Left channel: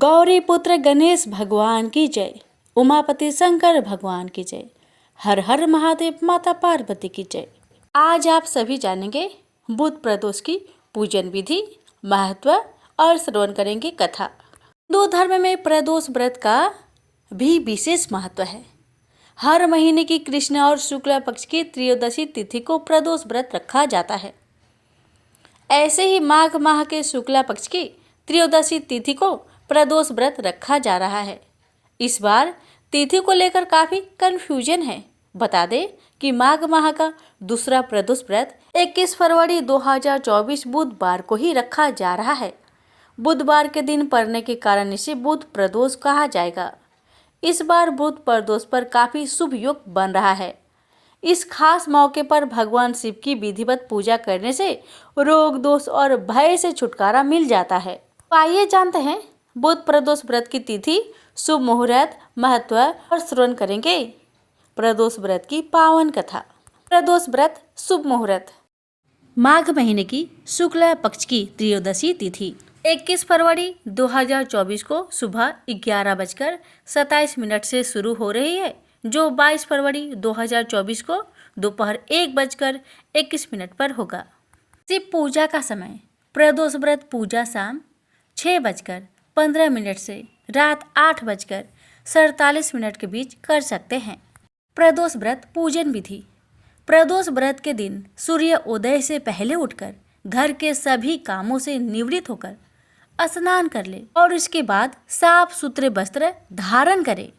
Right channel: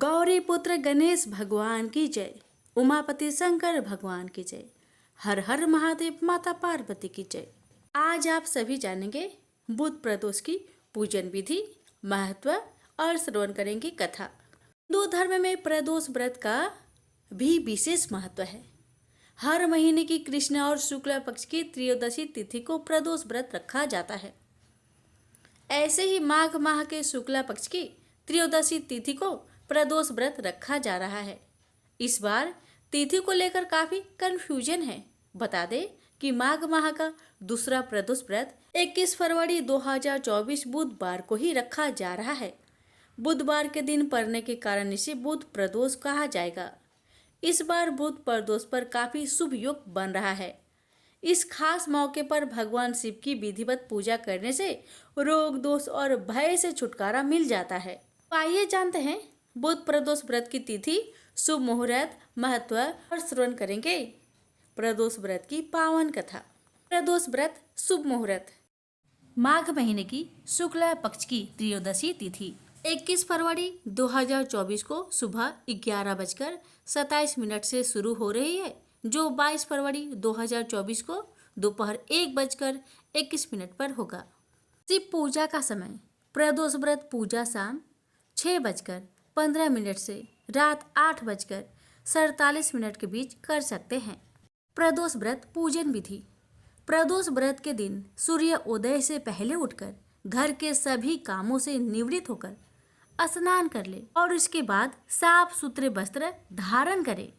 गौरी पुत्र गणेश भगवान की जय। उमापति शंकर भगवान की जय। हर हर महादेव, माता पार्वती की जय। आज आप सभी जानेंगे बुध प्रदोष की पूजन विधि, महत्व और श्रवण करेंगे कथा। हिंदू धर्म में प्रदोष व्रत का भी विशेष महत्व है। हर महीने की कृष्ण और शुक्ल पक्ष की त्रयोदशी तिथि को प्रदोष व्रत रखा जाता है। ऐसे ही माघ माह के शुक्ला पक्ष की त्रयोदशी तिथि को प्रदोष व्रत रखा जा रहा है। इस बार तिथि को लेकर काफी कंफ्यूजन है। बता दें कि माघ माह का दूसरा प्रदोष व्रत 21 फरवरी 2024 बुधवार को ही रखा जा रहा है। बुधवार के दिन पड़ने के कारण इसे बुध प्रदोष कहा जाएगा। इस बार बुध प्रदोष पर काफी शुभ योग बन रहा है। इस खास मौके पर भगवान शिव की विधिवत पूजा करने से रोग, दोष और भय से छुटकारा मिल जाता है। तो आइए जानते हैं बुध प्रदोष व्रत की तिथि, शुभ मुहूर्त, महत्व और श्रवण करेंगे प्रदोष व्रत की पावन कथा। प्रदोष व्रत शुभ मुहूर्त। माघ महीने की शुक्ल पक्ष की त्रयोदशी तिथि 21 फरवरी 2024 को सुबह 11:27 से शुरू हो रही है, जो 22 फरवरी 2024 को दोपहर 1:21 पर होगा। शिव पूजा का समय प्रदोष व्रत पूजा शाम 6:15 से रात 8:47 के बीच कर सकते हैं। प्रदोष व्रत पूजन विधि। प्रदोष व्रत के दिन सूर्य उदय से पहले उठकर घर के सभी कामों से निवृत्त होकर स्नान कर ले और उसके बाद साफ सुथरे वस्त्र धारण करे।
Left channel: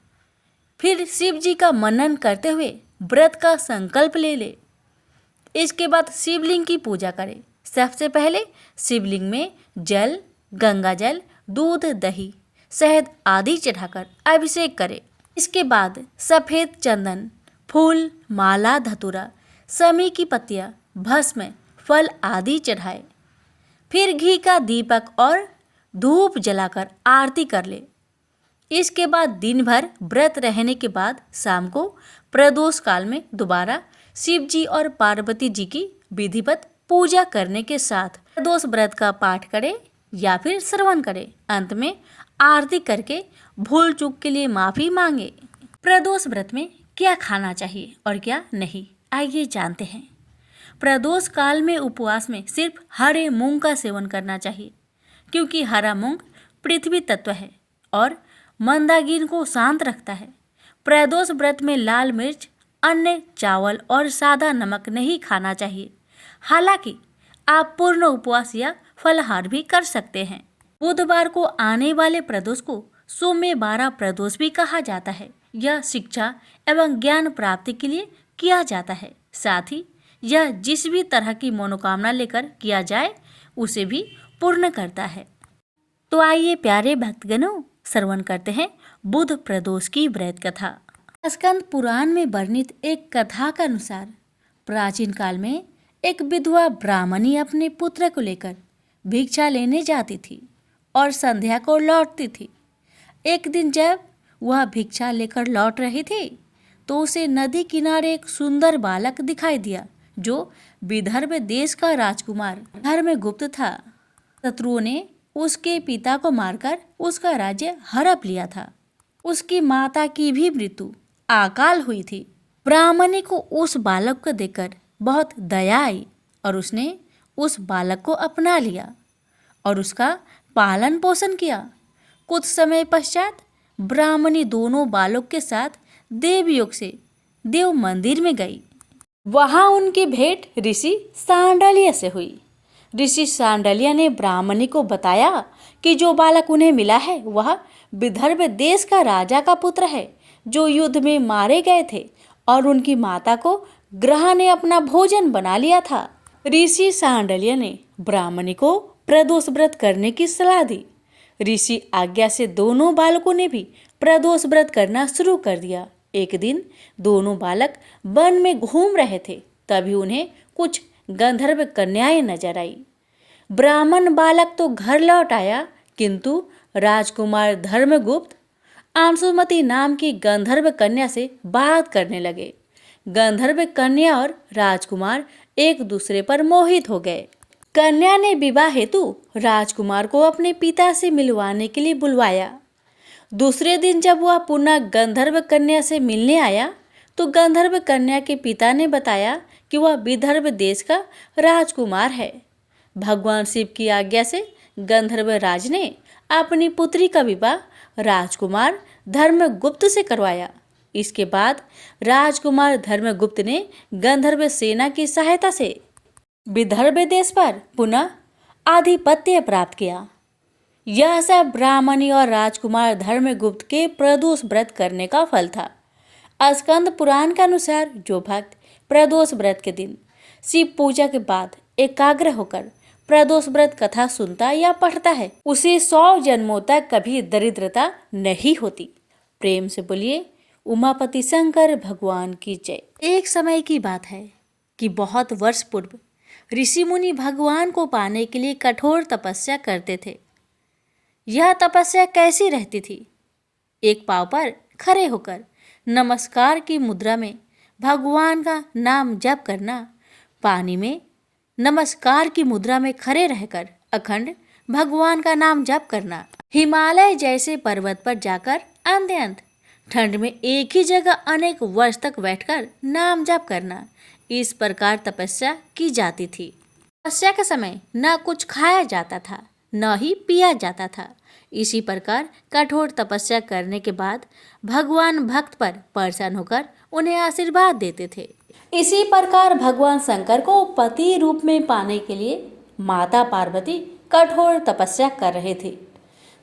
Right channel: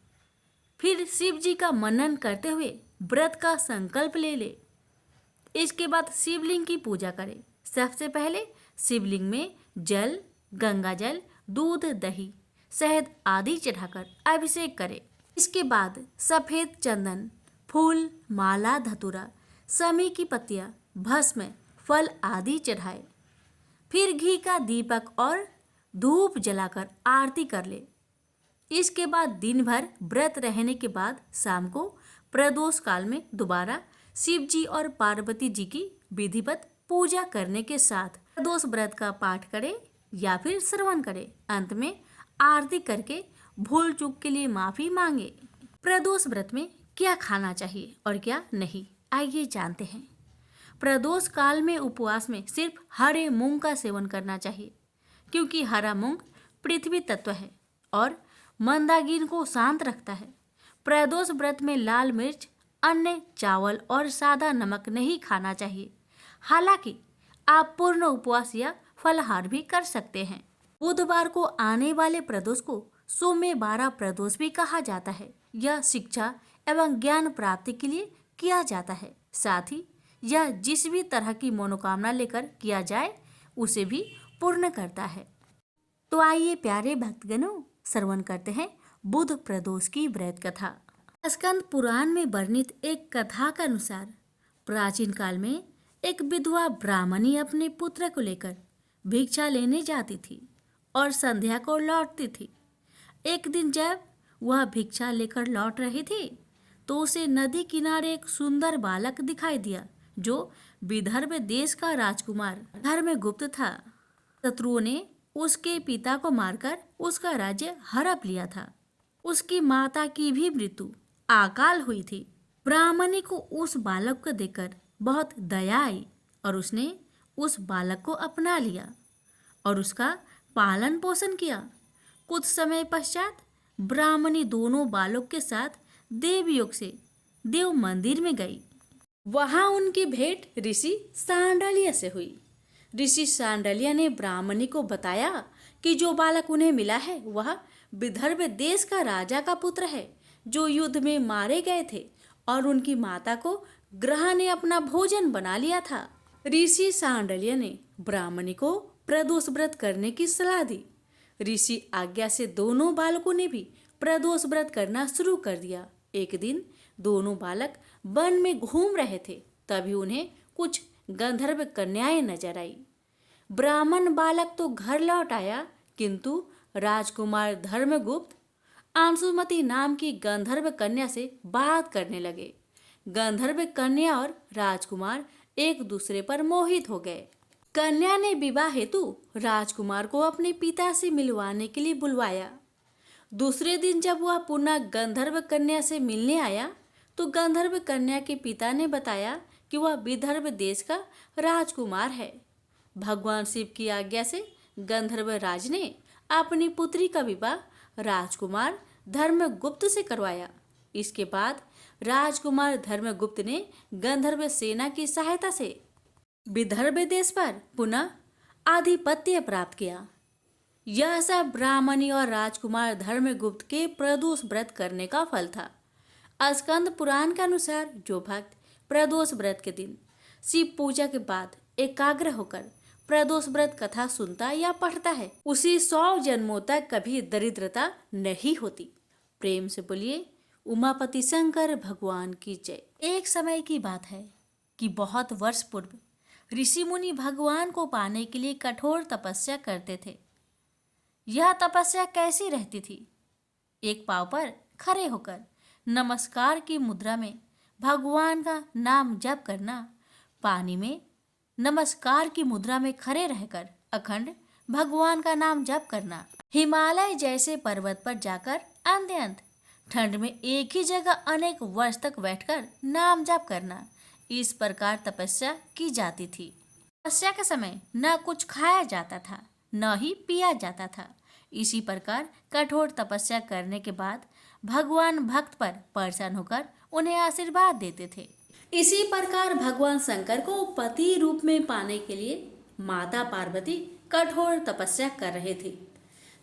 फिर शिव जी का मनन करते हुए व्रत का संकल्प ले ले। इसके बाद शिवलिंग की पूजा करे। सबसे पहले शिवलिंग में जल, गंगा जल, दूध, दही, शहद आदि चढ़ाकर अभिषेक करे। इसके बाद सफेद चंदन, फूल, माला, धतूरा, समी की पत्तियां, भस्म, फल आदि चढ़ाए। फिर घी का दीपक और धूप जलाकर आरती कर ले। इसके बाद दिन भर व्रत रहने के बाद शाम को प्रदोष काल में दोबारा शिव जी और पार्वती जी की विधिवत पूजा करने के साथ प्रदोष व्रत का पाठ करें या फिर श्रवण करें। अंत में आरती करके भूल चूक के लिए माफी मांगे। प्रदोष व्रत में क्या खाना चाहिए और क्या नहीं, आइए जानते हैं। प्रदोष काल में उपवास में सिर्फ हरे मूंग का सेवन करना चाहिए, क्योंकि हरा मूंग पृथ्वी तत्व है और मंदाग्नि को शांत रखता है। प्रदोष व्रत में लाल मिर्च, अन्न, चावल और सादा नमक नहीं खाना चाहिए। हालांकि आप पूर्ण उपवास या फलाहार भी कर सकते हैं। बुधवार को आने वाले प्रदोष को सौम्य 12 प्रदोष भी कहा जाता है। यह शिक्षा एवं ज्ञान प्राप्ति के लिए किया जाता है। साथ ही यह जिस भी तरह की मनोकामना लेकर किया जाए उसे भी पूर्ण करता है। तो आइए प्यारे भक्तगणों, श्रवण करते हैं बुध प्रदोष की व्रत कथा। स्कंद पुराण में वर्णित एक कथा के अनुसार प्राचीन काल में एक विधवा ब्राह्मणी अपने पुत्र को लेकर भिक्षा लेने जाती थी और संध्या को लौटती थी। एक दिन जब वह भिक्षा लेकर लौट रही थी तो उसे नदी किनारे एक सुंदर बालक दिखाई दिया, जो विदर्भ देश का राजकुमार धर्मगुप्त था। शत्रुओं ने उसके पिता को मारकर उसका राज्य हड़प लिया था। उसकी माता की भी मृत्यु अकाल हुई थी। ब्राह्मणी को उस बालक को देखकर बहुत दया आई और उसने उस बालक को अपना लिया और उसका पालन पोषण किया। कुछ समय पश्चात ब्राह्मणी दोनों बालक के साथ देवयोग से देव मंदिर में गई। वहां उनकी भेंट ऋषि सांडल्य से हुई। ऋषि सांडल्य ने ब्राह्मणी को बताया कि जो बालक उन्हें मिला है वह विदर्भ देश का राजा का पुत्र है, जो युद्ध में मारे गए थे और उनकी माता को ग्रह ने अपना भोजन बना लिया था। ऋषि सांडल्य ने ब्राह्मणी को प्रदोष व्रत करने की सलाह दी। ऋषि आज्ञा से दोनों बालकों ने भी प्रदोष व्रत करना शुरू कर दिया। एक दिन दोनों बालक वन में घूम रहे थे, तभी उन्हें कुछ गंधर्व कन्याएं नजर आई। ब्राह्मण बालक तो घर लौट आया, किंतु राजकुमार धर्मगुप्त अंशुमति नाम की गंधर्व कन्या से बात करने लगे। गंधर्व कन्या और राजकुमार एक दूसरे पर मोहित हो गए। कन्या ने विवाह हेतु राजकुमार को अपने पिता से मिलवाने के लिए बुलवाया। दूसरे दिन जब वह पुनः गंधर्व कन्या से मिलने आया तो गंधर्व कन्या के पिता ने बताया कि वह विदर्भ देश का राजकुमार है। भगवान शिव की आज्ञा से गंधर्व राज ने अपनी पुत्री का विवाह राजकुमार धर्मगुप्त से करवाया। इसके बाद राजकुमार धर्मगुप्त ने गंधर्व सेना की सहायता से विदर्भ देश पर पुनः आधिपत्य प्राप्त किया। यह सब ब्राह्मणी और राजकुमार धर्मगुप्त के प्रदोष व्रत करने का फल था। स्कंद पुराण के अनुसार जो भक्त प्रदोष व्रत के दिन शिव पूजा के बाद एकाग्र होकर प्रदोष व्रत कथा सुनता या पढ़ता है उसे 100 जन्मों तक कभी दरिद्रता नहीं होती। प्रेम से बोलिए उमापति शंकर भगवान की जय। एक समय की बात है कि बहुत वर्ष पूर्व ऋषि मुनि भगवान को पाने के लिए कठोर तपस्या करते थे। यह तपस्या कैसी रहती थी? एक पांव पर खड़े होकर नमस्कार की मुद्रा में भगवान का नाम जप करना, पानी में नमस्कार की मुद्रा में खड़े रहकर अखंड भगवान का नाम जप करना, हिमालय जैसे पर्वत पर जाकर अत्यंत ठंड में एक ही जगह अनेक वर्ष तक बैठकर नाम जप करना, इस प्रकार तपस्या की जाती थी। तपस्या के समय न कुछ खाया जाता था न ही पिया जाता था। इसी प्रकार कठोर तपस्या करने के बाद भगवान भक्त पर प्रसन्न होकर उन्हें आशीर्वाद देते थे। इसी प्रकार भगवान शंकर को पति रूप में पाने के लिए माता पार्वती कठोर तपस्या कर रहे थे।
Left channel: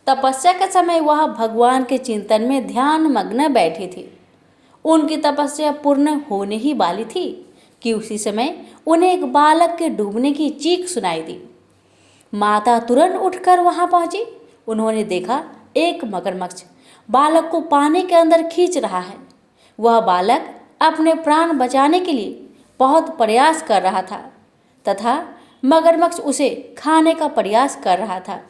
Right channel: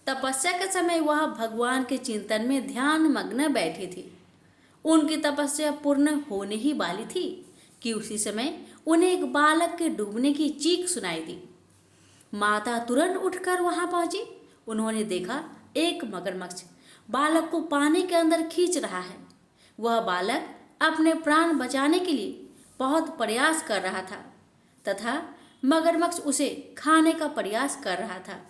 तपस्या के समय वह भगवान के चिंतन में ध्यान मग्न बैठे थे। उनकी तपस्या पूर्ण होने ही वाली थी कि उसी समय उन्हें एक बालक के डूबने की चीख सुनाई दी। माता तुरंत उठकर वहां पहुंची। उन्होंने देखा एक मगरमच्छ बालक को पानी के अंदर खींच रहा है। वह बालक अपने प्राण बचाने के लिए बहुत प्रयास कर रहा था तथा मगरमच्छ उसे खाने का प्रयास कर रहा था।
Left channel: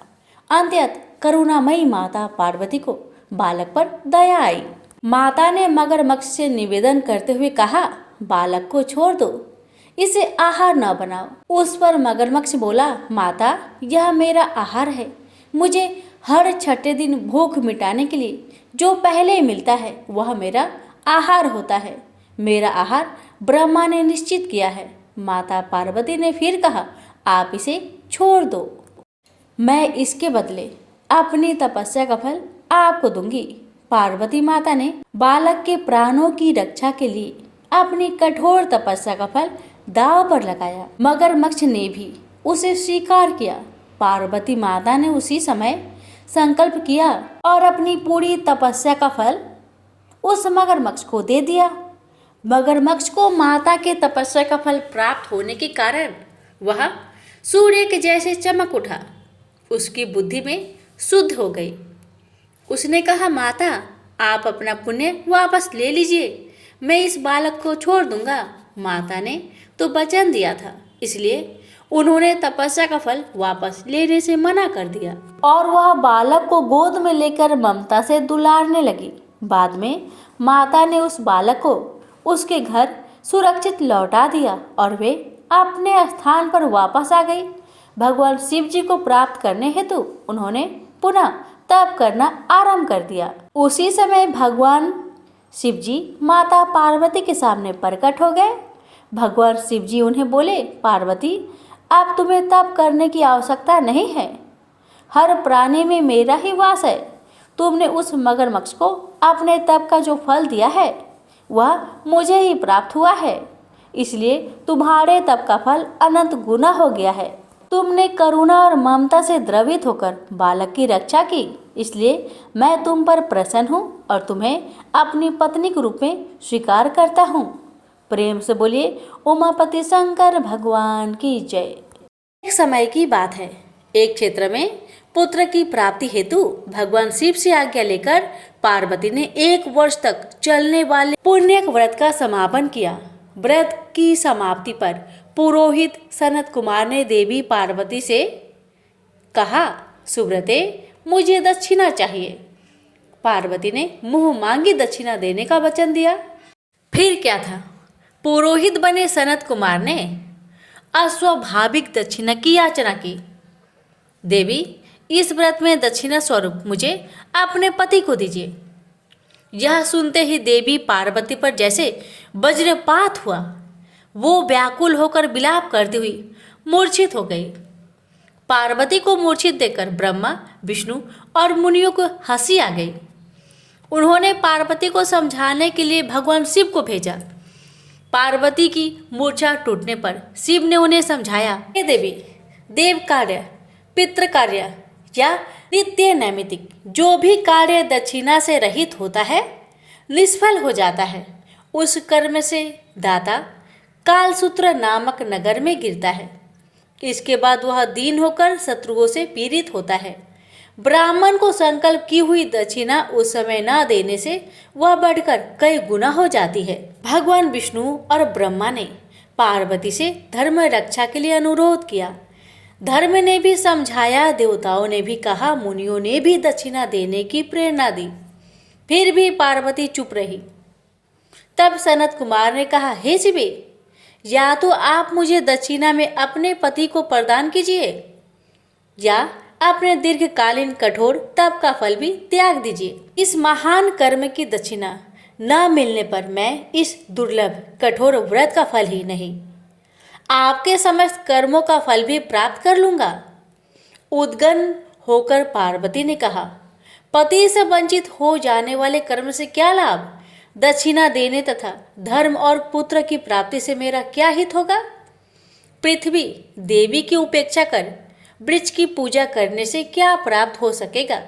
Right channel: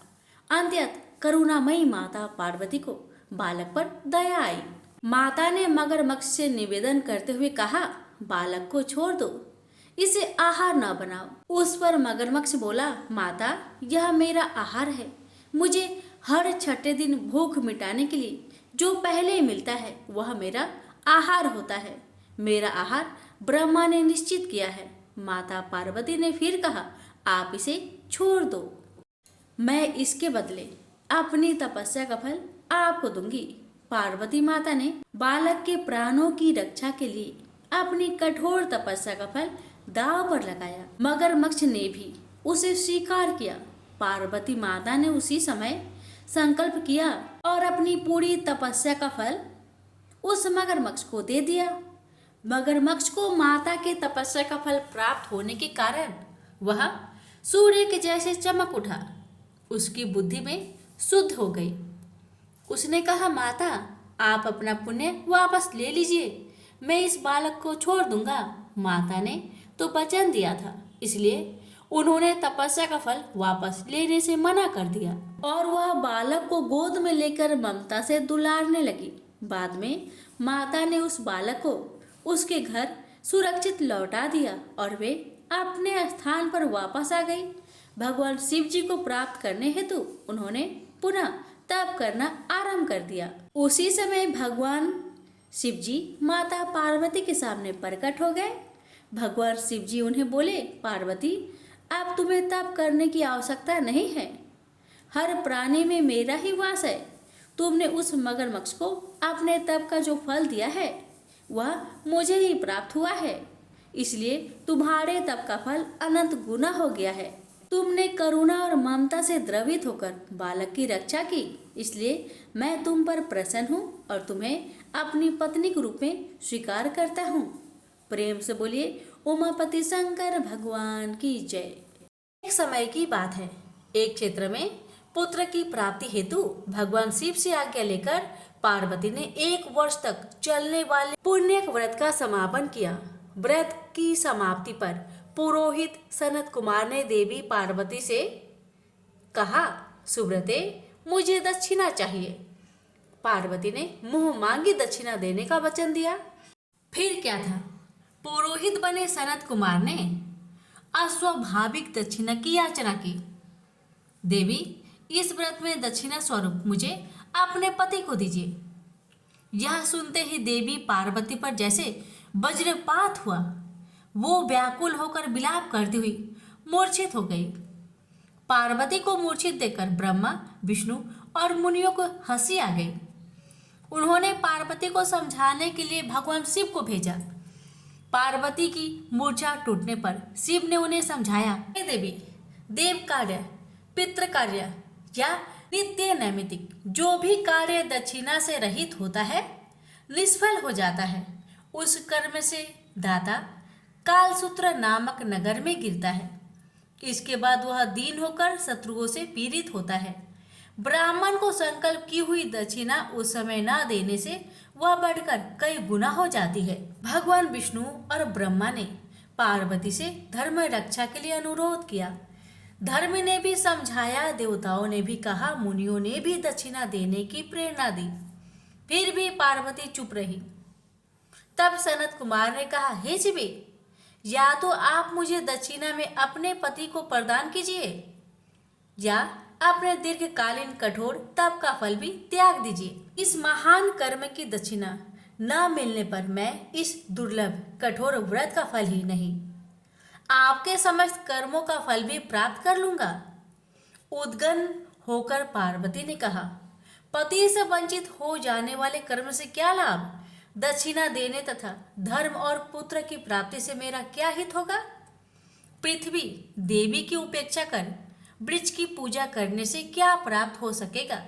अंततः करुणामयी माता पार्वती को बालक पर दया आई। माता ने मगरमच्छ से निवेदन करते हुए कहा, बालक को छोड़ दो, इसे आहार न बनाओ। उस पर मगरमच्छ बोला, माता यह मेरा आहार है। मुझे हर छठे दिन भूख मिटाने के लिए जो पहले मिलता है वह मेरा आहार होता है। मेरा आहार ब्रह्मा ने निश्चित किया है। माता पार्वती ने फिर कहा, आप इसे छोड़ दो, मैं इसके बदले अपनी तपस्या का फल आपको दूंगी। पार्वती माता ने बालक के प्राणों की रक्षा के लिए अपनी कठोर तपस्या का फल दांव पर लगाया। मगरमच्छ ने भी उसे स्वीकार किया। पार्वती माता ने उसी समय संकल्प किया और अपनी पूरी तपस्या का फल उस मगरमच्छ को दे दिया। मगरमच्छ को माता के तपस्या का फल प्राप्त होने के कारण वह सूर्य के जैसे चमक उठा। उसकी बुद्धि में शुद्ध हो गई। उसने कहा, माता आप अपना पुण्य वापस ले लीजिए, मैं इस बालक को छोड़ दूंगा। माता ने तो वचन दिया था, इसलिए उन्होंने तपस्या का फल वापस लेने से मना कर दिया और वह बालक को गोद में लेकर ममता से दुलारने लगी। बाद में माता ने उस बालक को उसके घर सुरक्षित लौटा दिया और वे अपने स्थान पर वापस आ गई। भगवान शिव जी को प्राप्त करने हेतु उन्होंने पुनः तप करना आरंभ कर दिया। उसी समय भगवान शिव जी माता पार्वती के सामने प्रकट हो गए। भगवान शिव जी उन्हें बोले, पार्वती अब तुम्हें तप करने की आवश्यकता नहीं है। हर प्राणी में मेरा ही वास है। तुमने उस मगरमच्छ को अपने तप का जो फल दिया है वह मुझे ही प्राप्त हुआ है, इसलिए तुम्हारे तप का फल अनंत गुना हो गया है। तुमने करुणा और ममता से द्रवित होकर बालक की रक्षा की, इसलिए मैं तुम पर प्रसन्न हूँ और तुम्हें अपनी पत्नी के रूप में स्वीकार करता हूँ। प्रेम से बोलिए उमापति शंकर भगवान की जय। एक समय की बात है, एक क्षेत्र में पुत्र की प्राप्ति हेतु भगवान शिव से आज्ञा लेकर पार्वती ने 1 वर्ष तक चलने वाले पुण्य व्रत का समापन किया। व्रत की समाप्ति पर पुरोहित सनत कुमार ने देवी पार्वती से कहा, सुब्रते मुझे दक्षिणा चाहिए। पार्वती ने मुंह मांगी दक्षिणा देने का वचन दिया। फिर क्या था, पुरोहित बने सनत कुमार ने अस्वाभाविक दक्षिणा की याचना की। देवी, इस व्रत में दक्षिणा स्वरूप मुझे अपने पति को दीजिए। यह सुनते ही देवी पार्वती पर जैसे वज्रपात हुआ। वो व्याकुल होकर विलाप करती हुई मूर्छित हो गई। पार्वती को मूर्छित देखकर ब्रह्मा, विष्णु और मुनियों को हंसी आ गई। उन्होंने पार्वती को समझाने के लिए भगवान शिव को भेजा। पार्वती की मूर्छा टूटने पर शिव ने उन्हें समझाया, हे देवी, देव कार्य, पितृ कार्य या नित्य नैमित्तिक जो भी कार्य दक्षिणा से रहित होता है निष्फल हो जाता है। उस कर्म से दाता कालसूत्र नामक नगर में गिरता है। इसके बाद वह दीन होकर शत्रुओं से पीड़ित होता है। ब्राह्मण को संकल्प की हुई दक्षिणा उस समय न देने से वह बढ़कर कई गुना हो जाती है। भगवान विष्णु और ब्रह्मा ने पार्वती से धर्म रक्षा के लिए अनुरोध किया। धर्म ने भी समझाया, देवताओं ने भी कहा, मुनियों ने भी दक्षिणा देने की प्रेरणा दी। फिर भी पार्वती चुप रही। तब सनत कुमार ने कहा, हे शिवे, या तो आप मुझे दक्षिणा में अपने पति को प्रदान कीजिए या अपने दीर्घकालीन कठोर तप का फल भी त्याग दीजिए। इस महान कर्म की दक्षिणा न मिलने पर मैं इस दुर्लभ कठोर व्रत का फल ही नहीं, आपके समस्त कर्मों का फल भी प्राप्त कर लूंगा। उद्गन होकर पार्वती ने कहा, पति से वंचित हो जाने वाले कर्म से क्या लाभ? दक्षिणा देने तथा धर्म और पुत्र की प्राप्ति से मेरा क्या हित होगा? पृथ्वी देवी की उपेक्षा कर वृक्ष की पूजा करने से क्या प्राप्त हो सकेगा?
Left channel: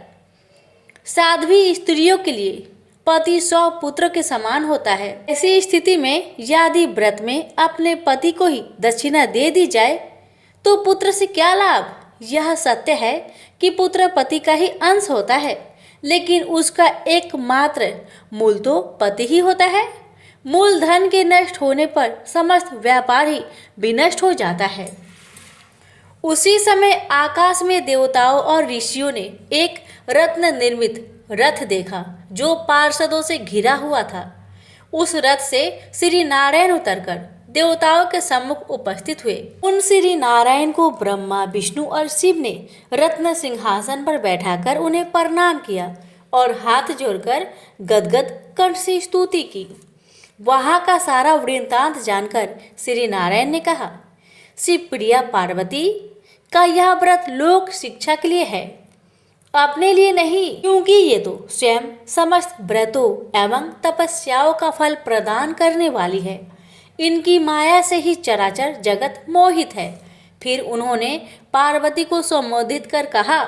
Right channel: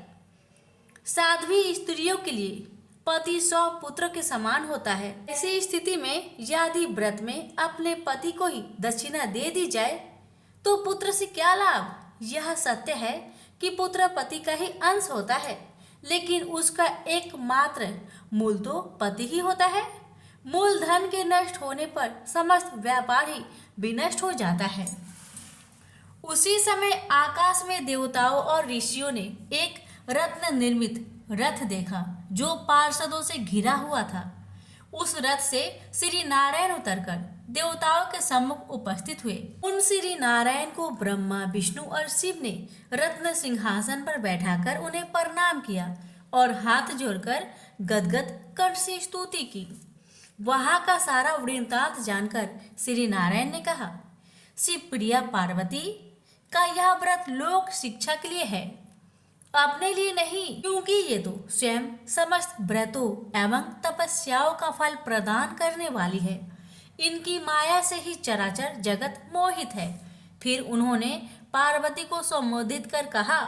साध्वी स्त्रियों के लिए पति 100 पुत्र के समान होता है। ऐसी स्थिति में यदि व्रत में अपने पति को ही दक्षिणा दे दी जाए तो पुत्र से क्या लाभ? यह सत्य है कि पुत्र पति का ही अंश होता है, लेकिन उसका एकमात्र मूल तो पति ही होता है। मूल धन के नष्ट होने पर समस्त व्यापार ही विनष्ट हो जाता है। उसी समय आकाश में देवताओं और ऋषियों ने एक रत्न निर्मित रथ देखा जो पार्षदों से घिरा हुआ था। उस रथ से श्री नारायण उतरकर देवताओं के सम्मुख उपस्थित हुए। उन श्री नारायण को ब्रह्मा, विष्णु और शिव ने रत्न सिंहासन पर बैठाकर उन्हें प्रणाम किया और हाथ जोड़कर गदगद कंठ से स्तुति की। वहां का सारा वृत्तांत जानकर श्री नारायण ने कहा, शिव प्रिया पार्वती का यह व्रत लोक शिक्षा के लिए है, अपने लिए नहीं, क्योंकि ये तो स्वयं समस्त व्रतों एवं तपस्याओं का फल प्रदान करने वाली है। इनकी माया से ही चराचर जगत मोहित है। फिर उन्होंने पार्वती को संबोधित कर कहा,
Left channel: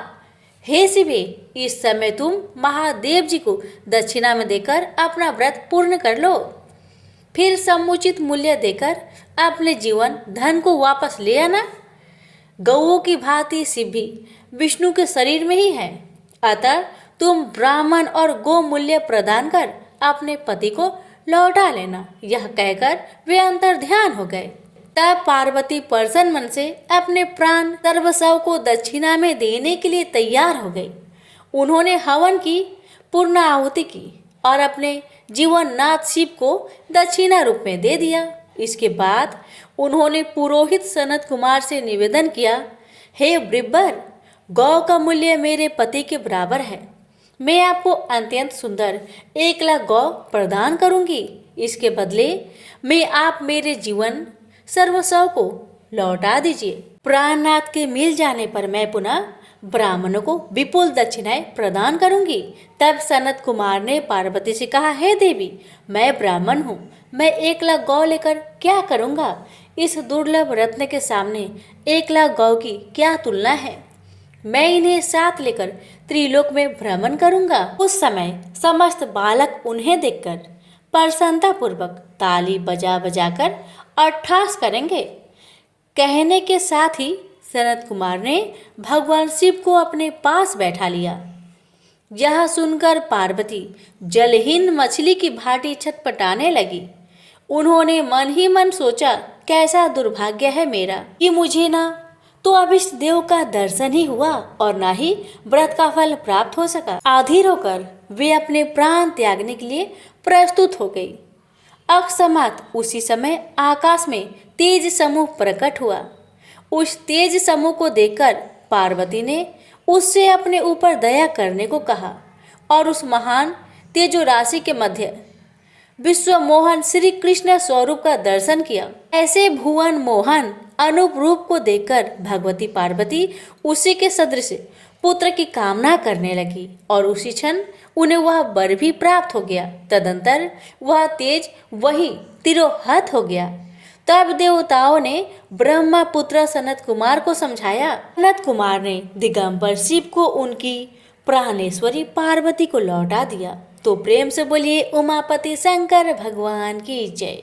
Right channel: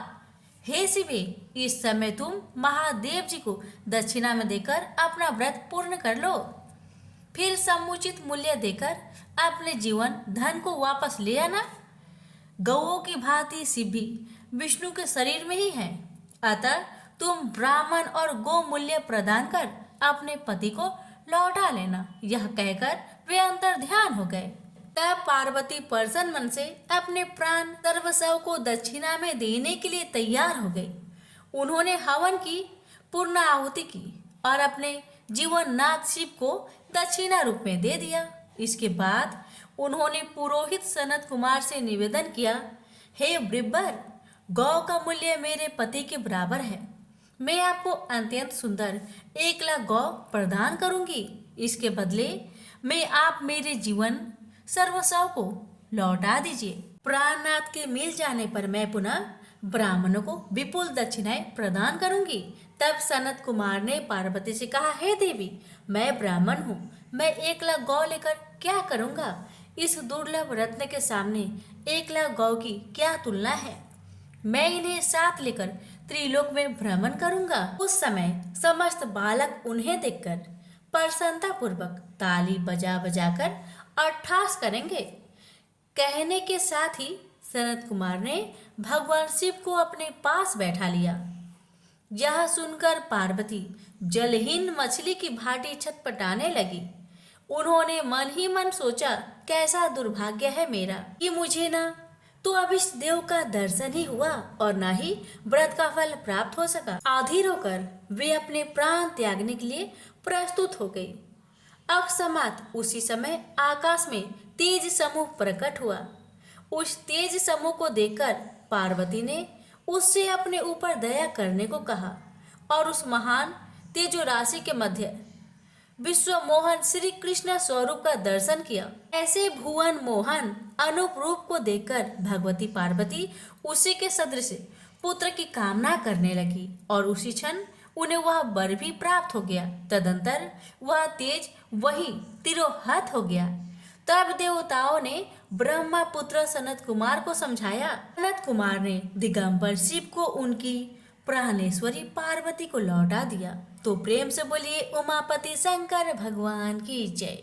हे शिवे, इस समय तुम महादेव जी को दक्षिणा में देकर अपना व्रत पूर्ण कर लो। फिर समुचित मूल्य देकर अपने जीवन धन को वापस ले आना। गौओं की भांति शिव भी विष्णु के शरीर में ही है, अतः तुम ब्राह्मण और गो मूल्य प्रदान कर अपने पति को लौटा लेना। यह कहकर वे अंतर ध्यान हो गए। तब पार्वती प्रसन्न मन से अपने प्राण सर्वस्व को दक्षिणा में देने के लिए तैयार हो गई। उन्होंने हवन की पूर्ण आहुति की और अपने जीवन नाथ शिव को दक्षिणा रूप में दे दिया। इसके बाद उन्होंने पुरोहित सनत कुमार से निवेदन किया, हे ब्रिब्बर, गौ का मूल्य मेरे पति के बराबर है। मैं आपको अत्यंत सुंदर 1 लाख गौ प्रदान करूंगी। इसके बदले में आप मेरे जीवन सर्वस्व को लौटा दीजिए। प्राणनाथ के मिल जाने पर मैं पुनः ब्राह्मणों को विपुल दक्षिणाएं प्रदान करूंगी। तब सनत कुमार ने पार्वती से कहा, हे देवी, मैं ब्राह्मण हूँ, मैं 1 लाख गौ लेकर क्या करूँगा? इस दुर्लभ रत्न के सामने 1 लाख गौ की क्या तुलना है? मैं इन्हें साथ लेकर त्रिलोक में भ्रमण करूंगा। उस समय समस्त बालक उन्हें देखकर प्रसन्नता पूर्वक ताली बजा बजाकर अट्ठास करेंगे। कहने के साथ ही सनत कुमार ने भगवान शिव को अपने पास बैठा लिया। यह सुनकर पार्वती जलहीन मछली की भांति छटपटाने लगी। उन्होंने मन ही मन सोचा, कैसा दुर्भाग्य है मेरा कि मुझे ना तो अभिष्ट देव का दर्शन ही हुआ और ना ही व्रत का फल प्राप्त हो सका। आधीर होकर वे अपने प्राण त्यागने के लिए प्रस्तुत हो गई। अकस्मात उसी समय आकाश में तेज समूह प्रकट हुआ। उस तेज समूह को देखकर पार्वती ने उससे अपने ऊपर दया करने को कहा और उस महान तेजो राशि के मध्य विश्व मोहन श्री कृष्ण स्वरूप का दर्शन किया। ऐसे भुवन मोहन अनूप रूप को देखकर भगवती पार्वती उसी के सदृश पुत्र की कामना करने लगी और उसी क्षण उन्हें वह वर भी प्राप्त हो गया। तदंतर वह तेज वही तिरोहत हो गया। तब देवताओं ने ब्रह्मा पुत्र सनत कुमार को समझाया। सनत कुमार ने दिगंबर शिव को उनकी प्राणेश्वरी पार्वती को लौटा दिया। तो प्रेम से बोलिए उमापति शंकर भगवान की जय।